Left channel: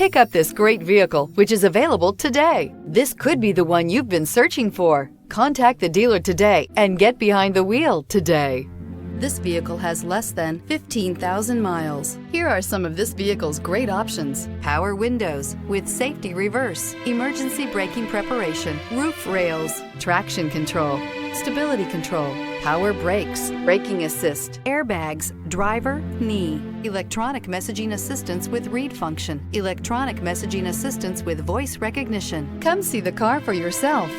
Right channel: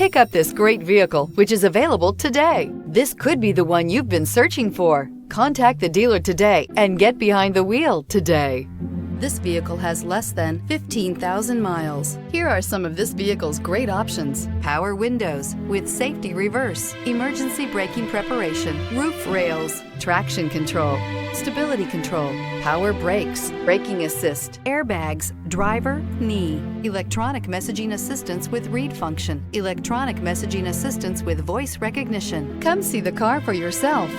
Pick up this great vehicle, which is available today. This could be the one you've been searching for. Contact the dealer today and get behind the wheel today. This vehicle has less than 15,000 miles. Here are some of this vehicle's great options: power windows with safety reverse, emergency braking preparation, roof rails, traction control, stability control, power brakes, braking assist, airbags, driver, knee, electronic messaging assistance with read function, electronic messaging assistance with voice recognition. Come see the car for yourself.